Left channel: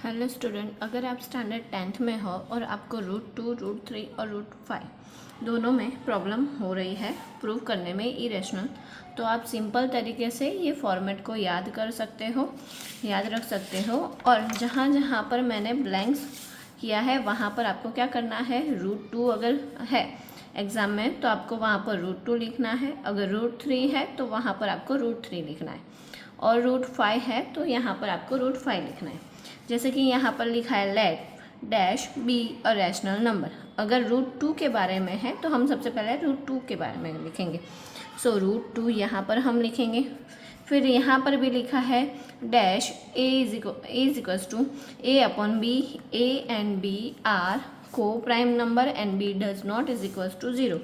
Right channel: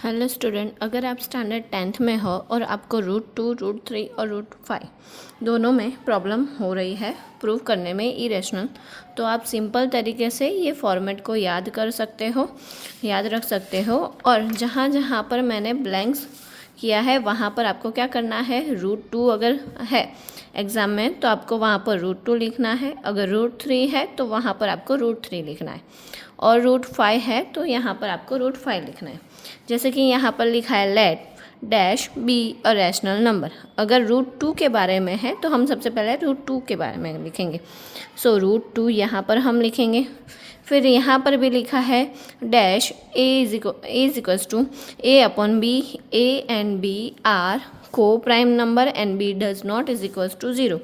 Hello student, अगर आप standard 10th में हो और आपको √2, √3 और √5 दोनों में प्रॉब्लम हो रही है प्रूव करने में इरेशनल, तो आप सिंपल तरीके से ये फॉर्मेट को याद कर सकते हो, याद रख सकते हो। और जहाँ जहाँ पर मैंने ब्लैंक्स किया है वहाँ पर आपको क्या करना है, √2 अगर है एग्ज़ाम में तो आपको वहाँ पर √2 लिखना है, अगर √3 है तो वहाँ पर आपको √3 लिखना है, और √5 है तो यहाँ पर आपको √5 लिखना है। जैसे कि यहाँ पर लिखा है let dash be a rational number. अगर √2 के बारे में है तो हम सबसे पहले √2 के बारे में लिखेंगे। सो √2 यहाँ पर हम लिखेंगे। फिर यहाँ पर भी लिखा है dash a is equals to a upon b, a and b are coprime number and b does not is equals to 0।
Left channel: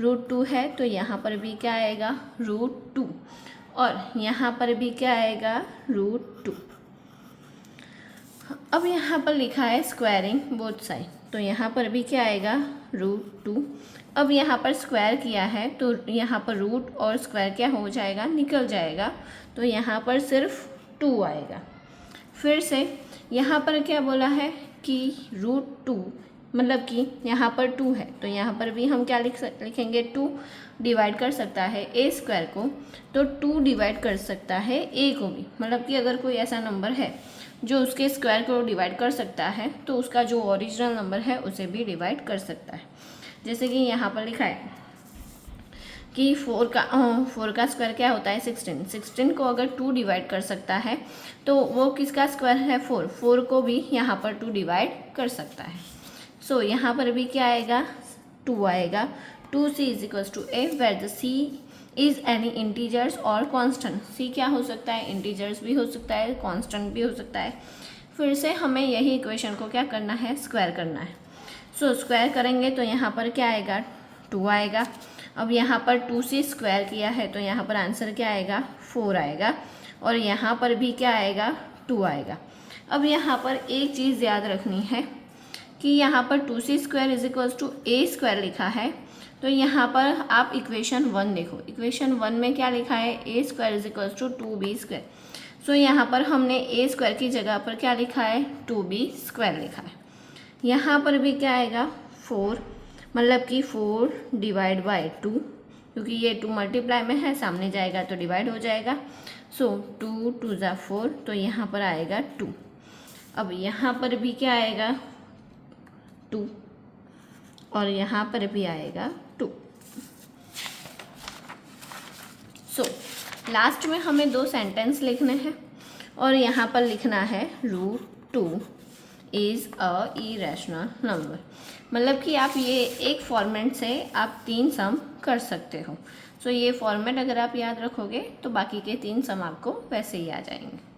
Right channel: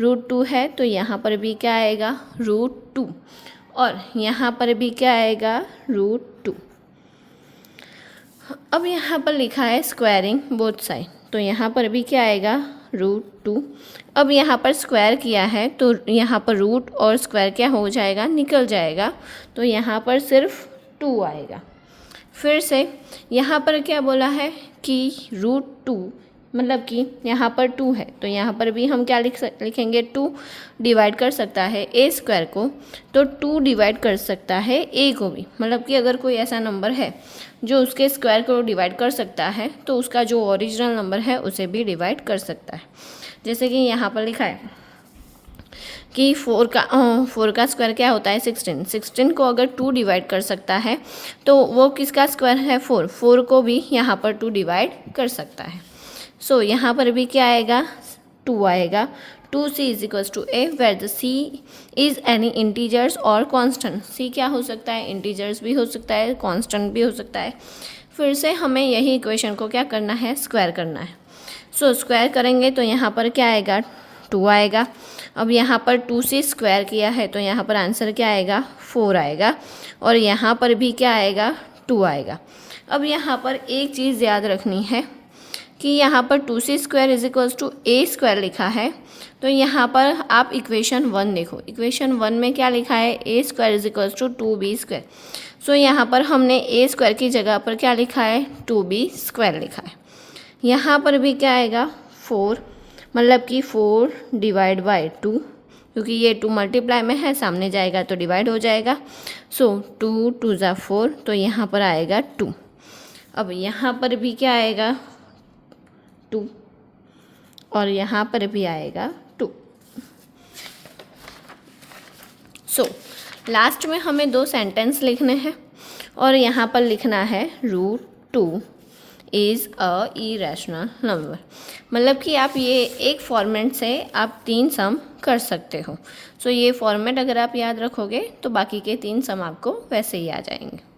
√2 है तो यहाँ पर भी क्या आएगा, √2, और यहाँ पर भी क्या आएगा, √2। अब यहाँ पर लिखा है स्क्वायरिंग बोथ साइड, तो यहाँ पर भी क्या आएगा, √2। अब यहाँ पर स्क्वायर किया है तो यहाँ पर रूट और स्क्वायर क्या हो जाएगा, निकल जाएगा, तो यहाँ पर सिर्फ 2 आएगा। फिर से यहाँ पर क्या बोला है कि √2 मतलब कि यहाँ पर 2 है तो यहाँ पर भी हम क्या लिखेंगे, 2 डिवाइड कर सकता है ए स्क्वायर को, तो 2 डिवाइड कर सकता है ए को भी। मतलब कि अगर कोई ऐसा नंबर है जो उसके स्क्वायर को डिवाइड कर सकता है तो उसका जो ओरिजिनल नंबर है उसे भी डिवाइड कर सकता है। जैसे कि यहाँ पर लिखा है कि 4 का स्क्वायर क्या होता है, 16 को अगर 2 डिवाइड कर सकता है तो वो किसका स्क्वायर है, 4 को भी यहाँ पर 2 डिवाइड कर सकता है। सो यहाँ पर भी क्या आएगा, 2 आएगा। 2c is equals to a where the c is any integers और कांस्टेंट। c क्या हो सकता है, इंटीजर्स भी हो सकता है, कांस्टेंट भी हो सकता है। फिर से हमें यही इक्वेशन को क्या करना है, स्क्वायर करना है। सो स्क्वायर करेंगे तो यहाँ पर क्या आएगा, 2 आएगा। अब यहाँ पर 2c स्क्वायर किया है तो यहाँ पर आंसर क्या आएगा, 4 आएगा, और यहाँ पर भी क्या आएगा, 2 आएगा। अब यहाँ पर एक चीज़ याद रखनी है कि यहाँ पर 2c square is equals to a square लिखा है, तो यहाँ पर आप इक्वेशन 1 देखो। इक्वेशन 1 में क्या लिखा है, a square is equals to 2b square. So यहाँ पर हमने ए स्क्वायर की जगह पर क्या लिखा है, 2b स्क्वायर लिखा है। यहाँ पर भी क्या आएगा, 4, मतलब कि 4 डिवाइड बाई 2, क्योंकि ये 2 मल्टीप्लाई में है, सामने जाएगा तो डिवाइड हो जाएगा। सो 2 2 ज़ा 4, तो यहाँ पर आएगा 2। अब यहाँ पर भी क्या आएगा, 2, और यहाँ पर भी आएगा 2। सो लास्ट में हमें 2 सेंटेंस लिखने हैं और यहाँ पर लिखना है √2 इज़ अ इरेशनल नंबर। मतलब कि आप ये एक फॉर्मेट से आप 3 सम कर सकते हो। सो ये फॉर्मेट अगर आप याद रखोगे तो बाकी के 3 सम आपको वैसे ही आ जाएंगे।